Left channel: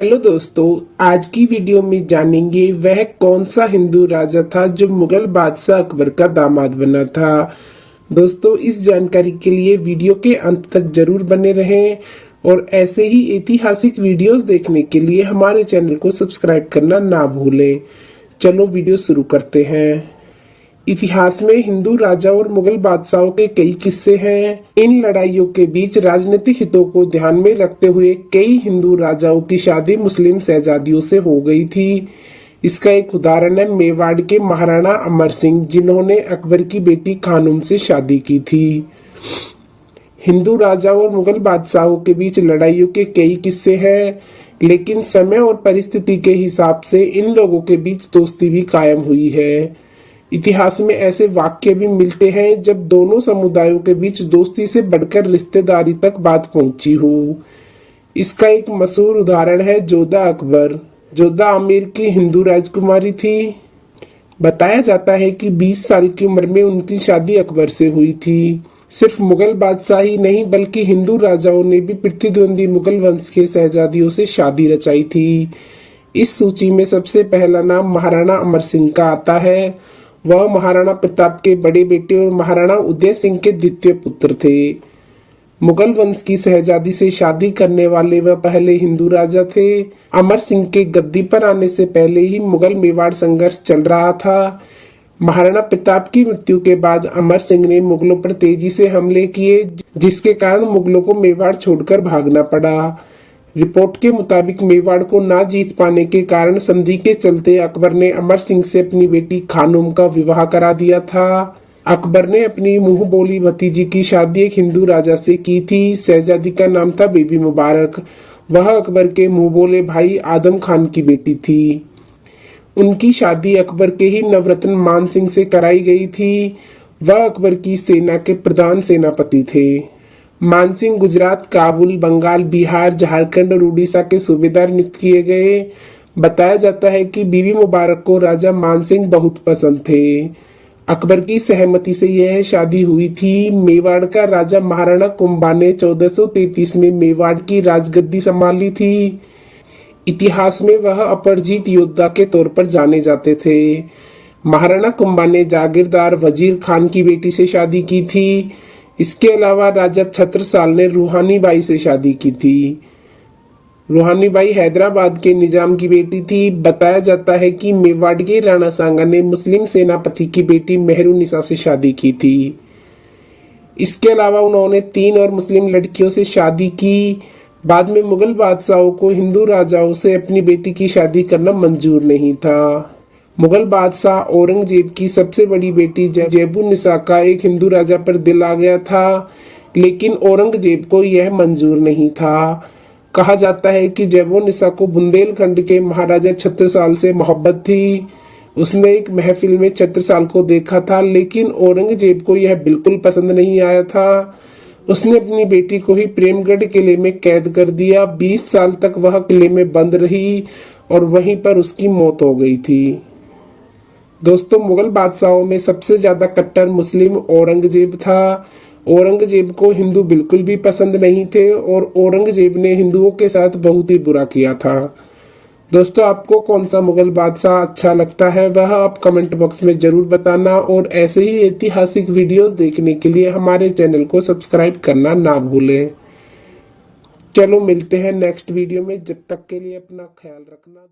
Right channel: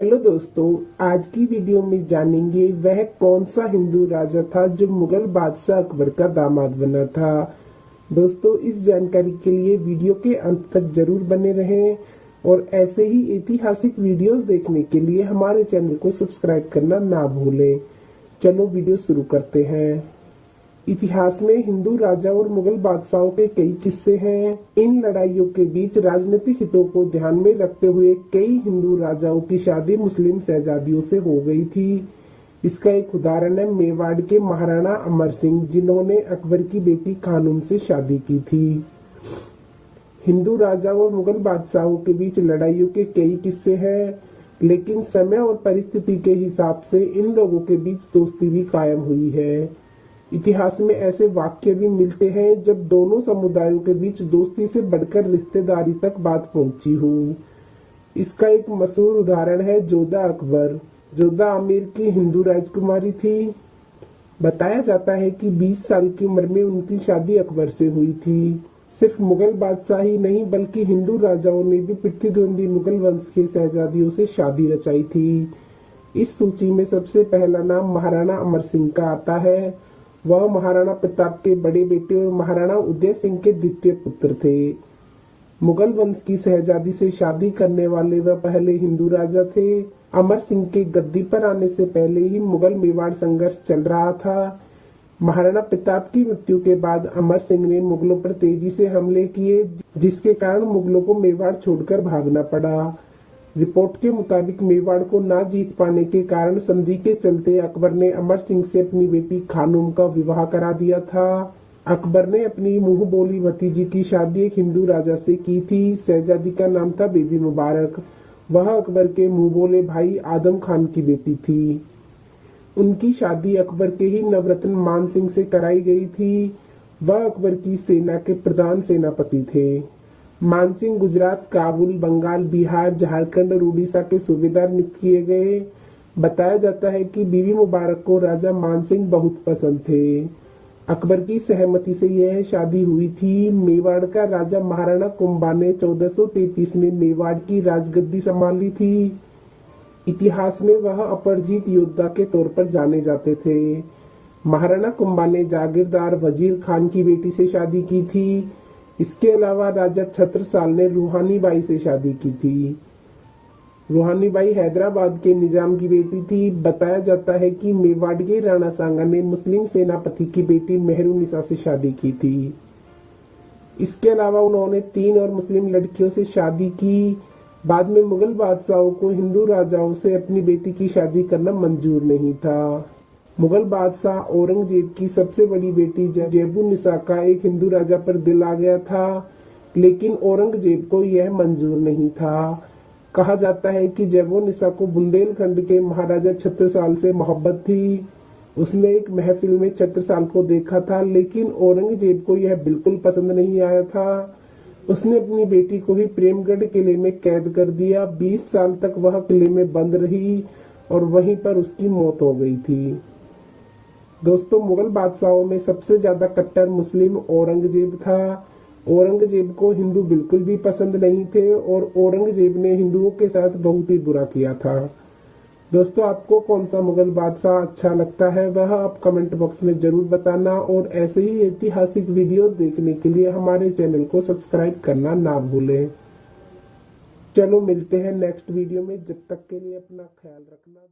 Hello दोस्तों, आज की वीडियो में जानेंगे वह कौन सा हिंदू राजा था जो मुगल बादशाह अकबर का दामाद बना था। दोस्तों, इस जानकारी के लिए वीडियो के अंत तक जरूर बने रहें और ऐसे ही ऐतिहासिक वीडियोस देखने के लिए हमारे चैनल को सब्सक्राइब करना ना भूलें। चलो वीडियो शुरू करते हैं। इतिहास में हिंदू राजा और मुगल बादशाहों के कई किस्से हैं। इन लड़ाइयों के बीच राजनीतिक हितों को ध्यान में रखते हुए कई हिंदू राजाओं की शादी मुस्लिम शहजादियों से हो गई थी। इसका एक उदाहरण है मेवाड़ के महाराणा अमर सिंह, जिन्होंने अकबर की बेटी खानूम से शादी की थी। हिंदू राजा और मुगल बादशाहों के बीच लड़ाइयों के कई किस्से हैं, लेकिन समय और परिस्थिति के हिसाब से इन लोगों के बीच दोस्ती भी कायम हुई है। इतिहास में ऐसे वाक्य भी मिलते हैं जब दोनों समुदायों के बीच दोस्ती से बढ़कर रिश्तेदारी तक बात पहुंची हो। इसका एक मशहूर उदाहरण है जोधा अकबर। जोधा आमेर की हिंदू राजकुमारी थी। बताया जाता है कि 20 साल की उम्र में उनकी शादी अकबर से हुई थी। सिर्फ मुगल बादशाह ही नहीं बल्कि हिंदू राजाओं ने भी प्रतिद्वंदी मुगल वंश के शहजादियों से शादी रचाई थी। इस सूची में सबसे पहला नाम महाराणा अमर सिंह का आता है। वह महाराणा प्रताप के बड़े बेटे और महाराणा उदय सिंह के द्वितीय पुत्र थे। मुगल वंश की शहजादी से शादी करने वाले वह पहले हिंदू राजा थे। अमर सिंह के गद्दी पर आने से पहले ही मुगल मेवाड़ संघर्ष चल रहा था। महाराणा प्रताप की मृत्यु के बाद अमर सिंह ने मुगलों पर तेजी से हमले किए, जिसके कारण मुगलों को मेवाड़ छोड़कर भागना पड़ा। रिपोर्ट के मुताबिक मेवाड़ को ना जीत पाने के कारण संधि के चलते अकबर ने अमर सिंह से अपनी बेटी खानूम का विवाह करा दिया था। अकबर ने अपनी मुंह बोली भतीजी की शादी एक हिंदू राजा से की थी। शहजादी का नाम था बीबी मुबारक। वह अकबर के मुंह बोले भाई आदम खान की बेटी थी। उनकी शादी अकबर के ही नवरत्न मान सिंह से कराई गई थी। वह अकबर की सेना के प्रधान सेनापति थे। मानसिंह गुजरात, काबुल, बंगाल, बिहार, झारखंड और उड़ीसा के सूबेदार नियुक्त किए गए। बताया जाता है कि बीबी मुबारक को राजा मानसिंह बहुत पसंद थे। अकबर की सहमति से यह शादी हुई थी। मेवाड़ का राजा महाराणा कुंभा ने 1433 में मेवाड़ की राजगद्दी संभाली थी। इतिहास में वह अपरजीत योद्धा के तौर पर जाने जाते थे। महाराणा कुंभा ने जागीरदार वजीर खान की बेटी से शादी की थी। इसके अलावा राजा छत्रसाल ने रूहानी बाई से शादी की थी। रूहानी बाई हैदराबाद के निजाम की बेटी थी। बताया जाता है कि मेवाड़ के राणा सांगा ने मुस्लिम सेनापति की बेटी मेहरुनिसा से शादी की थी। इसके अलावा उन्होंने 3 और मुस्लिम लड़कियों से शादी की। बाद में मुगल बादशाहों को हिंदू राजाओं से अपनी बेटी की शादी करना मंजूर नहीं था। मुगल बादशाह औरंगजेब की सबसे बड़ी बेटी जैबुन्निसा का एक हिंदू राजा पर दिल आ गया था, लेकिन औरंगजेब को यह मंजूर नहीं था। कहा जाता है कि जैबुन्निसा को बुंदेलखंड के महाराजा छत्रसाल से मोहब्बत थी। उसने एक महफिल में छत्रसाल को देखा था, लेकिन औरंगजेब को यह बिल्कुल पसंद नहीं आया था। उसने अपनी बेटी को ही प्रेमगढ़ किले में कैद कर दिया। 20 साल तक वह किले में बंद रही और वहीं पर उसकी मौत हो गई थी। दोस्तों, मुगल बादशाहों में सबसे ज्यादा कट्टर मुस्लिम औरंगजेब था। औरंगजेब को हिंदू बिल्कुल भी पसंद नहीं थे और औरंगजेब ने हिंदुओं के साथ बहुत ही बुरा किया था। दोस्तों, आपको कौन सा मुगल बादशाह अच्छा लगता है वह आप कमेंट बॉक्स में जरूर बताना और ऐसे ही ऐतिहासिक वीडियोस देखने के लिए हमारे चैनल को सब्सक्राइब करना ना भूलें। चलो मिलते हैं नेक्स्ट वीडियो में। जब तक के लिए अपना ख्याल रखना।